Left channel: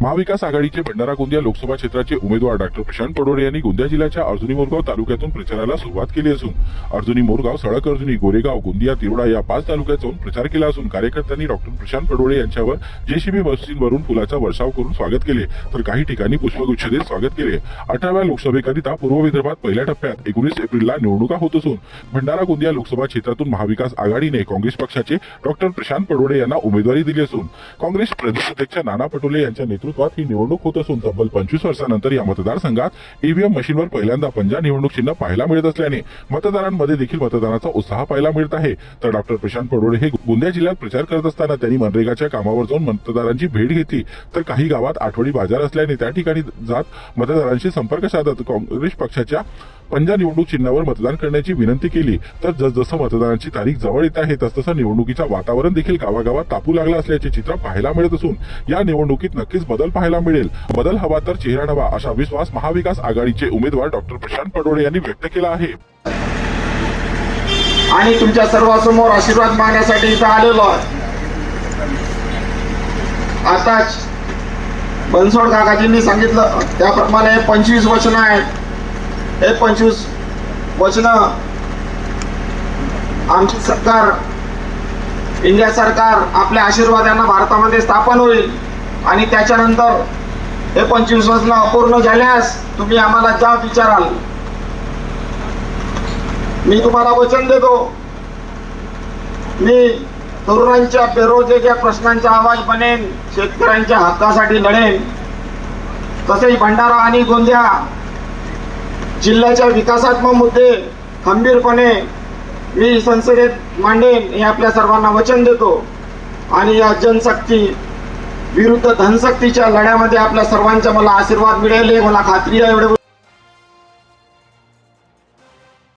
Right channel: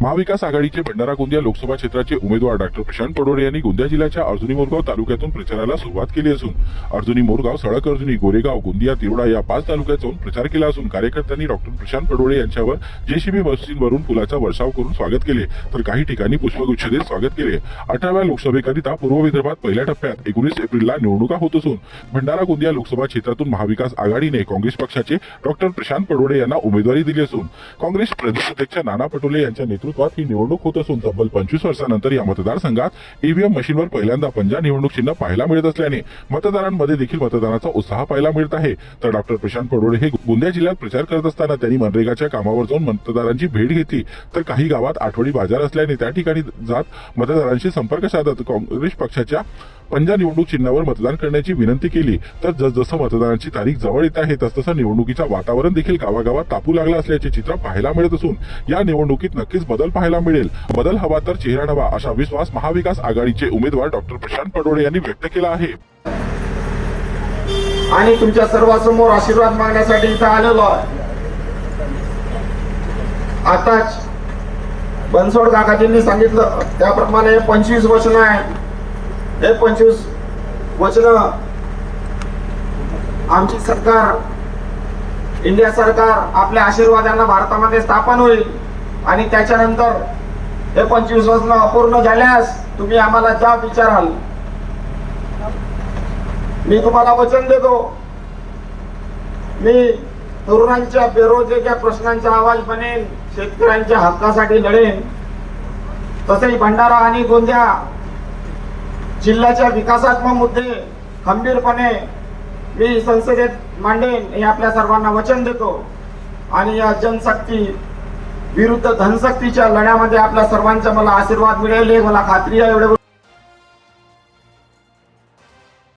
महाविकास आघाडीचे भंडारा गोंदिया लोकसभा क्षेत्राचे उमेदवार डॉक्टर प्रशांत पडोडे यांनी गोंदिया जिल्ह्याच्या अर्जुनी मोरगाव तालुक्यातून प्रचाराला सुरुवात केली असून अर्जुनी मोरगाव सडक अर्जुनी गोरेगाव गोंदिया तिरोडा या पाच तालुक्यात जाऊन प्रचार केला असून कार्यकर्त्यांनी डॉक्टर प्रशांत पडोळे यांच्यावर जेसीबी मशीनवरून फुलाचा वर्षाव करून स्वागत केले. तर काही ठिकाणी पुष्पगुच्छ देत स्वागत केले. अठराव्या लोकसभेकरिता पूर्व विदर्भात पहिल्या टप्प्यात एकोणीस एप्रिलला निवडणुका होत असून भंडारा गोंदिया लोकसभा क्षेत्रातून महाविकास आघाडीने काँग्रेस पक्षाचे डॉक्टर प्रशांत पडोळे यांना उमेदवारी दिली असून काँग्रेस प्रदेशाध्यक्ष नाना पटोले यांच्या नेतृत्वात ही निवडणूक होत असून तब्बल पंचवीस वर्षानंतर या मतदारसंघात ईव्हीएम मशीनवर पहिल्यांदा पंजा निवडणूक चिन्ह पाहायला मिळत असल्याने मतदारांमध्ये देखील मतदानाचा उत्साह पाहायला मिळत आहे. तर डॉक्टर प्रशांत पडोळे हे गोंदिया जिल्ह्यात प्रचार करत असताना त्यांनी मनरेगाच्या कामावर जाऊन मतदारांची भेट घेतली. तर काही गावात आठवडी बाजार असल्याने त्या ठिकाणी जात मतदारांशी संपर्क साधत काँग्रेस पक्षाच्या पंजा निवडणूक चिन्हावर मतदान करण्याची विनंती केली. तर जसजसं मतदानाची तारीख जवळ येत आहे तसतसं निवडणुकीचं वातावरण देखील गावागावात तापू लागलं असल्याचे चित्र पाहायला मिळत असून या निवडणुकीत नक्कीच बदल पाहायला मिळेल. बदल हवा तर चेहरा नवा असा विश्वास महाविकास आघाडीचे उमेदवार डॉक्टर प्रशांत पडोळे यांनी व्यक्त केला आहे. आणि तुमच्या सर्वांसमोर आशीर्वाद मागण्यासाठी इथं आलेलो आताच बनसोड काकाजींनी सांगितलं त्याप्रमाणे पंचवीस वचन आहे हे पंचवीस वचन आमची सरकार इंडिया सरकार आपल्या आशीर्वादांना भारतामध्ये स्थापन होईल. आणि त्याच्यानंतर हे पंचवीस वचनं अपूर्ण झाल्यास तुम्ही आम्हाला जा विचाराल. मी तुम्हाला वचन देतो. मी तरुणांच्या बेरोजगारीच्या प्रश्नांचा आवाज बनेन शेतकऱ्यांच्या हक्कासाठी लढेन. तसेच भंडारा आणि गोंदिया जिल्ह्याच्या विकासात्मक मुद्दे खंबीरपणे मी संसदेत मांडेन हे आपल्या सर्वांना वचन देतो. आणि या जनशक्ती विरुद्ध धनशक्तीच्या लढ्यामध्ये आपल्या सर्वांचा मला आशीर्वाद मिळाले मला खात्री आहे. एवढे